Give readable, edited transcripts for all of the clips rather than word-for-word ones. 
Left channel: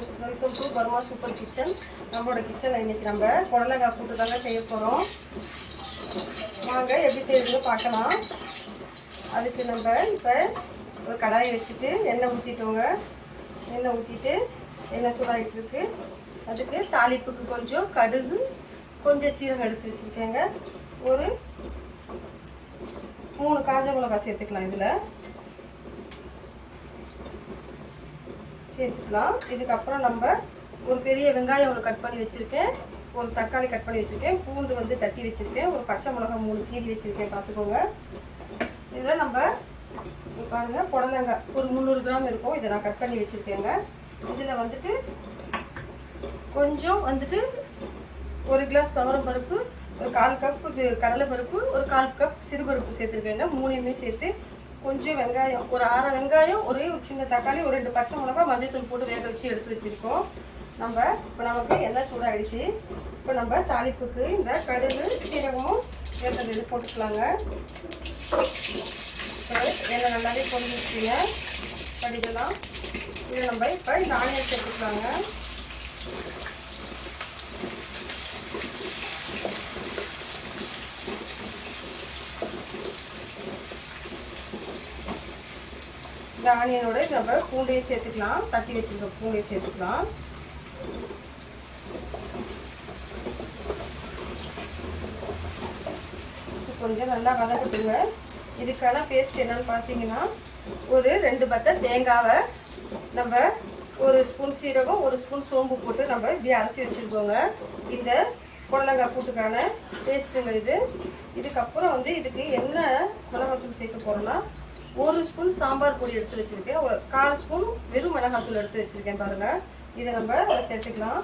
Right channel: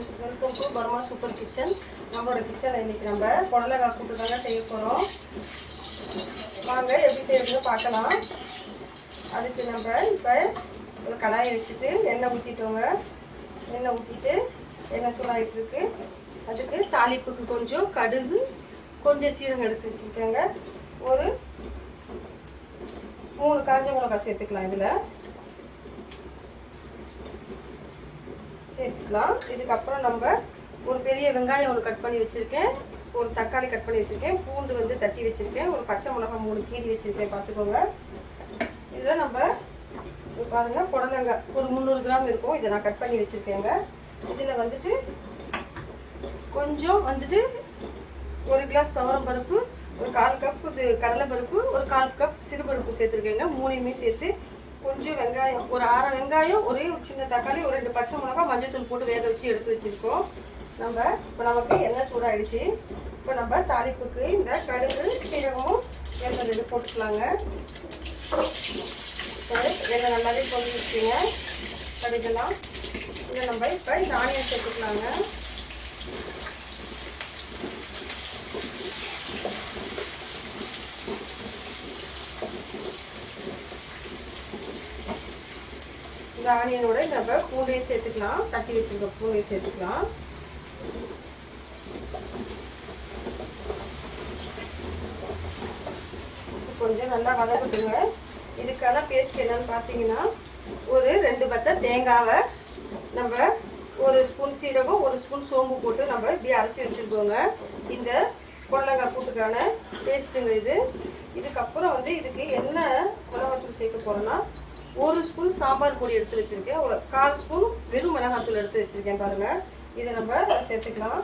Friends, welcome to Burma super kitchen. நம்மளோட கிச்சனில் இன்றைக்கி நம்ம புடலங்காய் கூட்டு தாங்க செய்ய போகிறோம். வாங்க எப்படி செய்யறதுன்னு பார்க்கலாம். அதுக்கு நம்ம இப்போ ஒரு கடாயை வச்சுட்டு எண்ணெய் ஊற்றிட்டோங்க. எண்ணெய் ஊற்றிட்டு எண்ணெய் சூடாகிட்டுருக்கு. அதுக்கு தாளிப்புக்கு கொஞ்சம் கடுகு, கொஞ்சம் சீரகம் எடுத்து வச்சுருக்கேங்க. ஒரு 3 காஞ்ச மிளகாய் சேர்த்துக்கலாம். இதில் சேர்த்துக்கலாம். இதுக்கப்புறம் நம்ம ஒரு பெரிய வெங்காயம் ஒன்று கட் பண்ணி வச்சுருக்கேன், ஒரு தக்காளி கட் பண்ணி வச்சுருக்கேன், பூண்டு வந்து தட்டி வச்சுருக்கேன், ஒரு பச்சை மிளகாய் 3 கீரி வச்சுருக்கேன், பார்த்துக்கோங்க. இதில் நம்ம பாருங்கள், புடலங்காய் ஒரு 300 கிராம் இருக்கும், இதை நான் கட் பண்ணி வச்சுருக்கேங்க. இதில் வந்துட்டு கொஞ்சம் வந்துட்டு 1 கிளாஸ் துவரம் பருப்பு, ஒரு 1/4 கப் இது கடலை பருப்பு, ஒரு 1/4 கப் சிறுபருப்பு சேர்த்துருக்கேங்க. 3யுமே சேர்த்து கொஞ்சம் வெங்காயம், ஒரு 6 வெங்காயம், ஒரே ஒரு சின்ன தக்காளி, ஒரு 2 பச்சை மிளகாய், மஞ்சத்தூள் போட்டு வேக வச்சு எடுத்து வச்சுருக்கோம். நம்ம இப்போ நமக்கு எண்ணெய் சூடாகிடுச்சு. இப்போ நம்ம தாளிப்புக்கு இந்த கடுகு, சீரகமும் எண்ணெய் இது போட்டுக்கலாங்க. எண்ணெய் நல்லாவே பொரிஞ்சிச்சுங்க கடுகுலாம். இதை நம்ம இப்போ இந்த ஆனியன் சேர்த்துக்கலாங்க. இந்த ஆனியனோட நம்ம பூண்டையும் சேர்த்துக்கலாம். தட்டி வச்சுருக்க பூண்டையும் சேர்த்துக்கலாம். கொஞ்சம் நல்லா வதக்குதுங்க. இதுக்கான பேஸ்ட் என்னன்னு பார்த்தீங்கன்னா, ஒரு 2 பத்தை தேங்காவை நம்ம 1 ஸ்பூன் சீரகம், 1 ஸ்பூன் சோம்பு போட்டு நம்ம இப்படி அரைச்சி வச்சுருக்கோங்க. இந்த புடலங்காய் கூட்டுக்கான பேஸ்ட்டுங்க இது. இதுக்கப்புறம் வந்து இதுக்கு என்ன மிளகாத்தூள் சேர்க்க போகிறோன்னா, 1 ஸ்பூன் சாம்பார் பொடி எடுத்து வச்சுருக்கேன், ஒரு 1/4 ஸ்பூன் வெறும் மிளகாத்தூள் எடுத்து வச்சுருக்கேன் பாருங்கள். இதை நம்ம சேர்த்துக்கலாம்.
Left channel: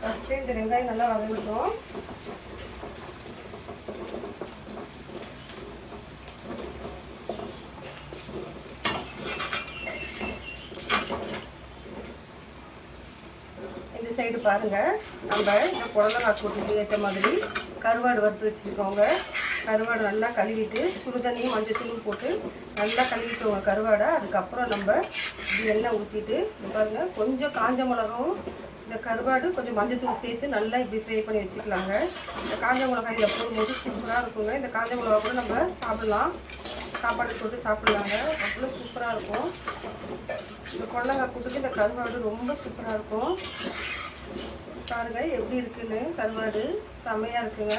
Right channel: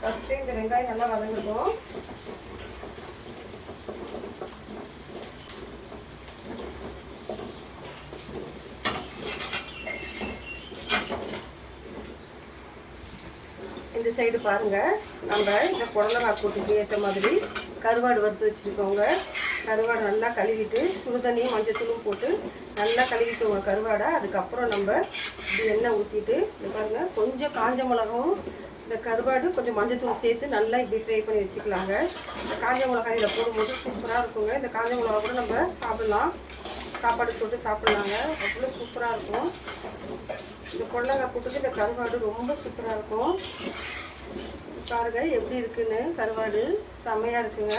ஃபஸ்ட்டு இந்த வெங்காயம் நல்லா வதங்கட்டும். இந்த சைடு பாருங்கள், நம்ம இந்த புடலங்காய் கூட்டுக்கு ஏற்ற மாதிரி கருவாடு வறுத்து வச்சுருக்கோங்க. கருவாடு நல்லா கழுவிட்டு சுடுதண்ணியும் மஞ்சத்தூளும் போட்டு நல்லா கழுவிட்டோங்க கருவாடை. அதுக்கப்புறம் நம்ம இப்படி எண்ணெய் ஊற்றிட்டு இது பாருங்கள், கொஞ்சம் காஞ்ச மிளகாவும் இந்த கருவாடு கொஞ்சம் மஞ்சத்தூள் சேர்த்து நல்லா இப்படி ஃப்ரை பண்ணி வச்சுக்கலாங்க. இந்த காஞ்ச மிளகாய் இதில் போடும்போது சூப்பராக இருக்குங்க. இந்த காஞ்ச மிளகா கூட நம்ம சாப்பிட்லாம், சாப்பாடு போட்டு சாப்பிட்லாங்க, அவ்வளோ சூப்பராக இருக்கும். இந்த புடலங்காய் கூட்டுக்கு இந்த கருவாடு ரொம்ப சூப்பராக இருக்கும். பாருங்க எப்படி இருக்குன்னு, கருவாடு செம்மையாக இருக்குங்க.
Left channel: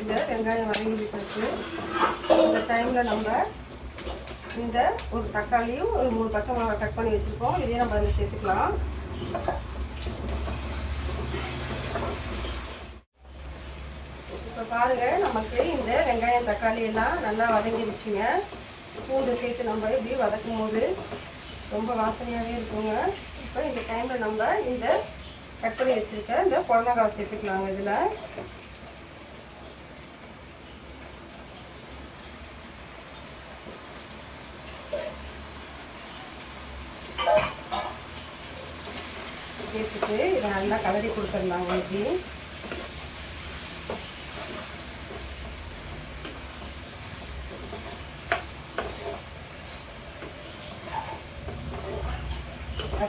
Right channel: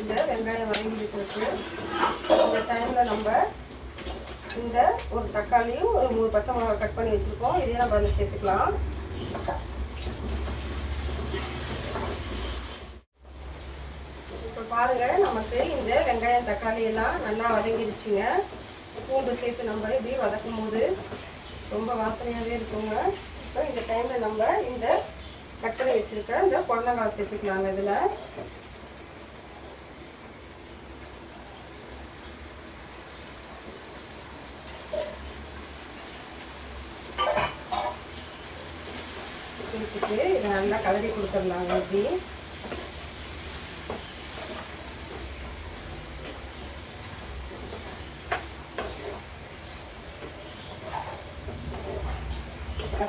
இந்த வெங்காயம் வதங்கிட்டு இந்த டைமில் நம்ம இந்த ஒரு தக்காளியும் ஒரு 3 பச்சை மிளகாய் கட் பண்ணி வச்சுருக்கோம், இதையும் நம்ம அதில் சேர்த்துக்கலாம். இப்போ பாருங்கள், நமக்கு இந்த வெங்காயம் தக்காளி எல்லாம் நல்லா வதங்கிடுச்சுங்க. பூண்டு சேர்த்து நம்ம இப்படி வதக்கும் போது ரொம்ப வாசனையாகவே இருக்குங்க. இப்போ இந்த டைமில் நம்ம இந்த கட் பண்ணி வச்சுருக்க இந்த புடலங்காய் சேர்த்துக்கலாங்க. இதில் சேர்த்துட்டு இதை நல்லா கலரி கொடுத்துடலாங்க. இப்படி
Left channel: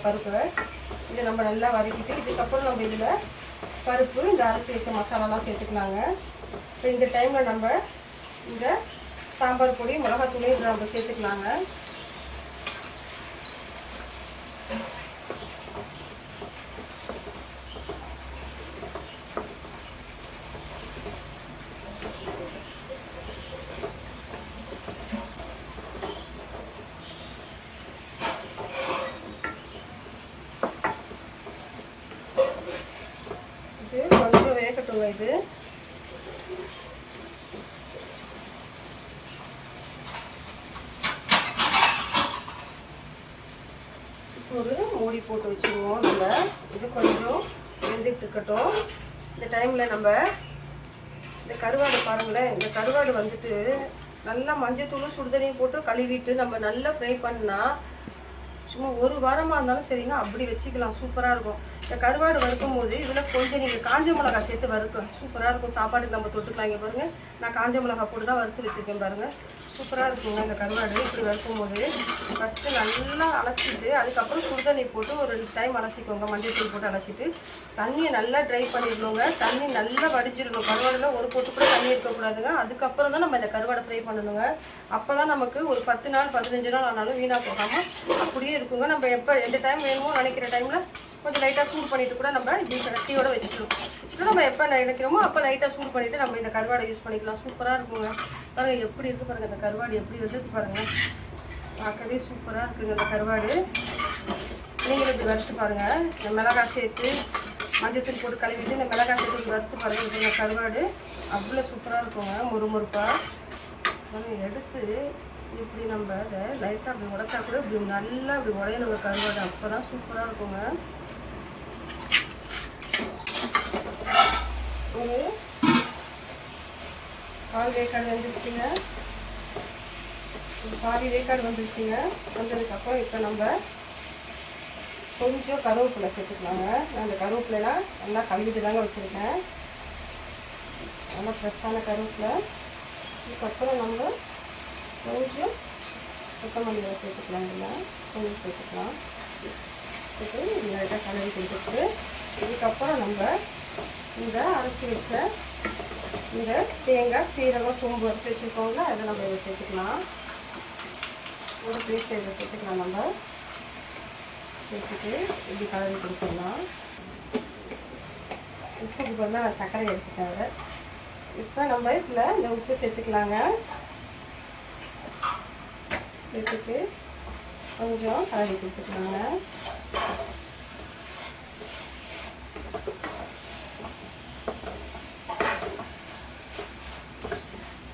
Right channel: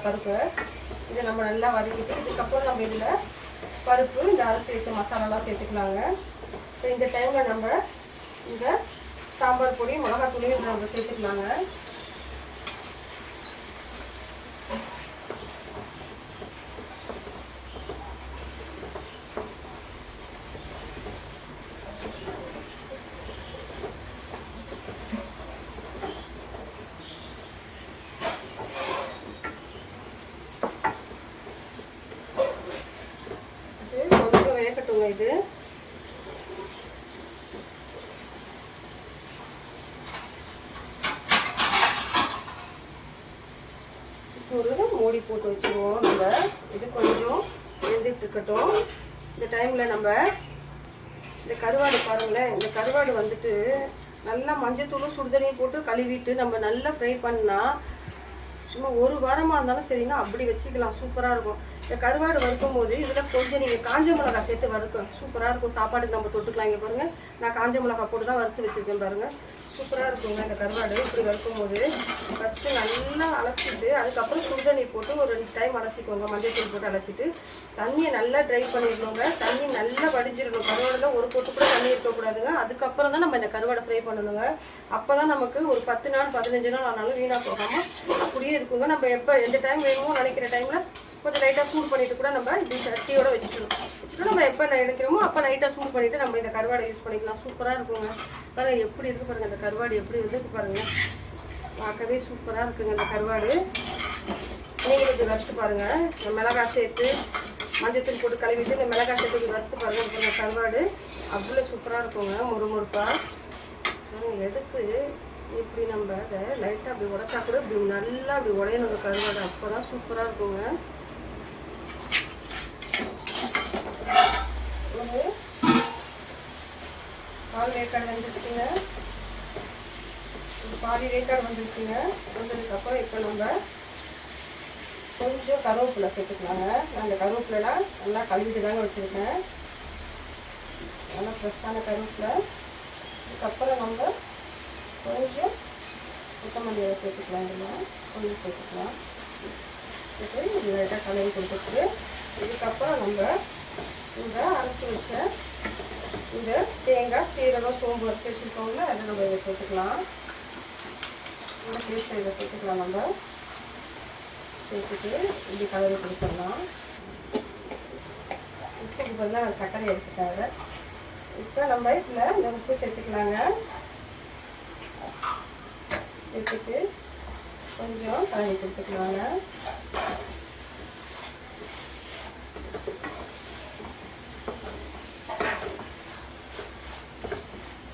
பருப்பு இதை நம்ம நல்லா வதக்கிட்டு இதுக்கப்புறம் நம்ம இதில் பருப்பு, இந்த அரைச்சி வச்ச மசாலாலாம் சேர்த்துக்கலாங்க. இப்போ இந்த டைமில் நம்ம இந்த சாம்பார் பொடி, மிளகாத்தூளையும் இதில் நம்ம சேர்த்துக்கலாங்க. கொஞ்சம் வேகட்டுங்க. இது ஒரு மூடி போட்டு வச்சுருவோம். நம்ம இது கொஞ்சம் வெந்துட்டு இருக்கட்டும். இந்த டைமில் நம்ம இந்த கருவாடு பாருங்களேன், இந்த கருவாடு வந்துட்டு நல்லா மஞ்சத்தூளும் சுடுதண்ணியும் போட்டு கழுவிட்டு நம்ம நல்லா ஃப்ரை பண்ணால் சும்மா 1 வாரமாக இருந்தாலும் சரிங்க, அப்படி வச்சுக்கலாம், சூப்பராக இருக்கும். இந்த கருவாடு வறுக்கும் போது இதில் கொஞ்சம் நீங்கள் காஞ்ச மிளகா சேர்த்து வறுக்கும் சூப்பராக இருக்கும். சாப்பாட்டுக்கு நம்ம தொட்டுக்கலாம். இங்கே பாருங்கள், நான் காஞ்ச மிளகா போட்டு தான் வறுத்து வச்சுருக்கேன் பாருங்கள். சூப்பராக இருக்குங்க இந்த கருவாடு. இப்படி வறுக்கும் போது ஃபஸ்ட்டு நல்லா அலசிட்டு அதுக்கப்புறம் சுடுதண்ணி போட்டு ஒரு 2 டைம் அலசிக்கோங்க. மஞ்சள் தூள் போட்டு அலசிட்டு தண்ணியை நல்லா ட்ரை பண்ணிடணுங்க. தண்ணி நல்லா வடிஞ்சிடணும். கருவாடில் ஒரு பொட்டு கூட தண்ணி இருக்கக்கூடாதுங்க. அதுக்கப்புறம் தான் நம்ம இந்த கருவாடை ஃப்ரை பண்ணணுங்க. அப்போ தான் நமக்கு ஒரு 10 நாள் 15 நாள் ஆனாலும் வீணாக போகாமல் அப்படியே இருக்குங்க. நம்ம எப்போ எந்த டைம் வேணுமோ நினைக்கிற டைமில் கொஞ்சம் லைட்டாக சூடு பண்ணிவிட்டு கூட நம்ம இப்படி சட்டியோடு வச்சுட்டு நம்ம எப்போ நினைக்கிறோமோ அப்போ லைட்டாக சூடு பண்ணிவிட்டு நம்ம இந்த கருவாடை யூஸ் பண்ணிக்கலாம். சூப்பராக இருக்குங்க. பாருங்கள் எப்படி இருக்குது பாருங்கள். இந்த கருவாடு எப்படி வந்து பாருங்கள், பார்க்கவே சூப்பராக இருக்குங்க இந்த கருவாடு. நீங்களும் இப்படி வறுத்து பாருங்கள். இந்த மிளகாய் சேர்த்து மஞ்சத்தூள் போட்டு கழுவிட்டு இந்த மிளகாய் சேர்த்து இப்படி வறுத்து பாருங்கள். இந்த கருவாடு அவ்வளோ சூப்பராக இருக்குங்க. முறுமுறுப்பாக எடுத்து இப்படி நம்ம அதை லைட்டாக அப்படி உடைச்சா கூட இப்படி நல்லா இப்படி உடையணுங்க கருவாடு. அப்போ தான் சூப்பராக இருக்குங்க. ஒரு பால் வேக்காடு வந்துருச்சுங்க. பாதி வேக்காடு வந்துருச்சுங்க. வந்ததுக்கப்புறம் இப்போ நம்ம கொஞ்சம் கருவேப்பிலை சேர்த்துக்கலாங்க. நான் இந்த கருவேப்பிலாம் நல்லா கழுவிட்டு தாங்க வச்சுருக்கேன். நல்லா ஃப்ரெஷ்ஷான கருவேப்பிலை. இதுக்கப்புறம் நம்ம கொஞ்சம் கொத்தமல்லியை சேர்த்துக்கலாம். இதில் கொஞ்சம் சேர்த்துக்கலாம். இது லைட்டாக கலரி கொடுத்துட்டு இதுக்கப்புறம் நம்ம இந்த அரைச்சி வச்ச இந்த தேங்காய் சீரகம் சோம்பு வரைச்சி வச்சுருக்கோங்களா அதை நம்ம இதை சேர்த்துக்கலாம். கூட பேஸ்ட் இதை சேர்த்துக்கலாம். நம்ம சேர்த்துட்டு இப்படி கலரி கொடுத்துடலாம். உப்புக்கு பதிலாக சர்க்கரை எடுத்துட்டாங்க. இப்போ நம்ம இதில் இந்த உப்பு சேர்த்துக்கலாங்க. சேர்த்துட்டு கொஞ்சம் கலரி கொடுத்துக்கலாங்க.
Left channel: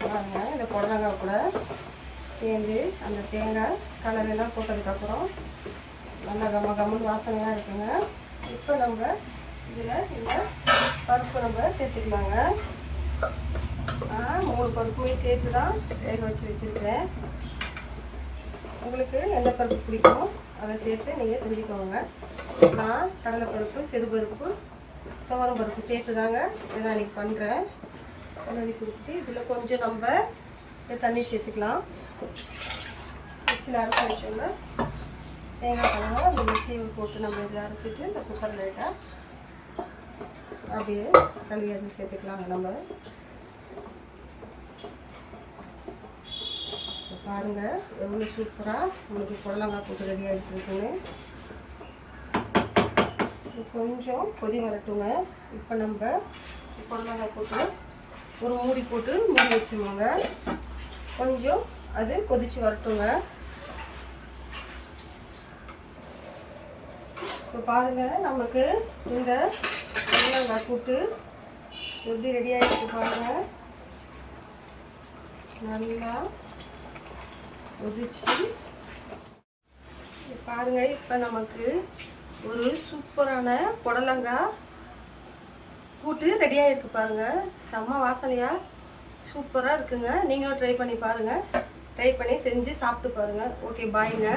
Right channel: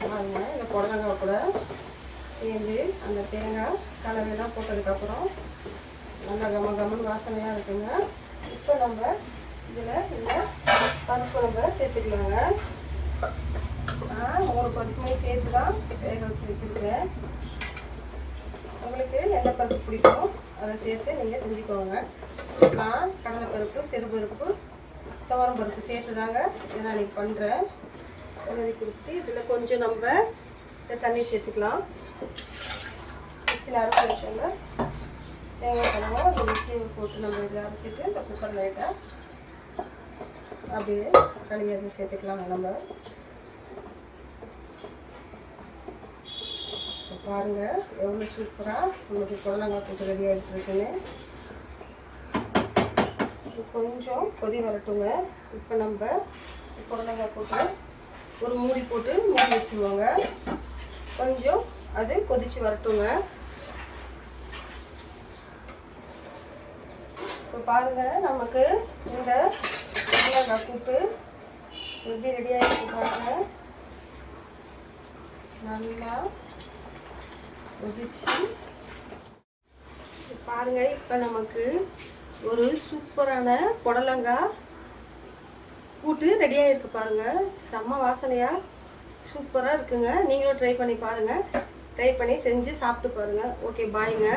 பாருங்க, இந்த புடலங்காய் கூட சேர்ந்து அந்த தேங்காய் கலவையெல்லாம் போட்டதுக்கப்புறம் நல்லா கம்மன்னு வாசனையாக இருக்குங்க. இப்போ நம்ம இதில் இந்த பருப்பு நம்ம சேர்த்துக்கலாங்க. 3 பருப்புமே சேர்த்து தான் வேக வச்சு வச்சுருக்கேன். உங்களுக்கு எந்த பருப்பு பிடிக்கும் அதை சேர்த்து நீங்கள் செஞ்சுக்கோங்க. நான் கடலைப்பருப்பு, சிறுபருப்பு, துவரம் பருப்பு சேர்த்து தாங்க இதை நான் இன்றைக்கி பண்ணுறேன். கலரி கொடுத்துட்டு இதில் கொஞ்சம் நம்ம தண்ணி சேர்த்துக்கலாம். மிக்சியில் அரைச்சி வச்சோம்னா தேங்காய் பழம் அந்த மிக்சியை போட்டு நம்ம இதில் அரைச்சிட்டு இந்த குக்கர் லைட்டாக அப்படியே கழுவி அதில் சேர்த்துக்கலாங்க. நம்ம பாருங்கள் எவ்வளோ சூப்பராக உங்களுக்கு புடலங்காய் போட்டு ரெடி ஆகிட்டு இருக்குன்னு. கொஞ்சம் கொதி வரட்டுங்க. இப்போ நம்ம புடலங்காய் போட்டு ஒரு மூடி போட்டு மூடி வச்சுருவோங்க. கொஞ்சம் அது கொதிச்சு வரட்டுங்க. இப்போ பாருங்கள் நமக்கு இந்த புடலங்காய் கூட்டு எப்படி ரெடி ஆகிட்டு பாருங்கள். நல்லா கொதிச்சு பாருங்கள். இப்போ நமக்கு ஒரு சூப்பரான புடலங்காய் கூட்டு ரெடியாக இருக்குது பாருங்கள். செம்ம வாசனையாக சூப்பராக இருக்குங்க. நீங்களும் ட்ரை பண்ணி பாருங்கள். ட்ரை பண்ணி செஞ்சு சாப்பிட்டு பாருங்கள். ஓகே, பாய்ங்க.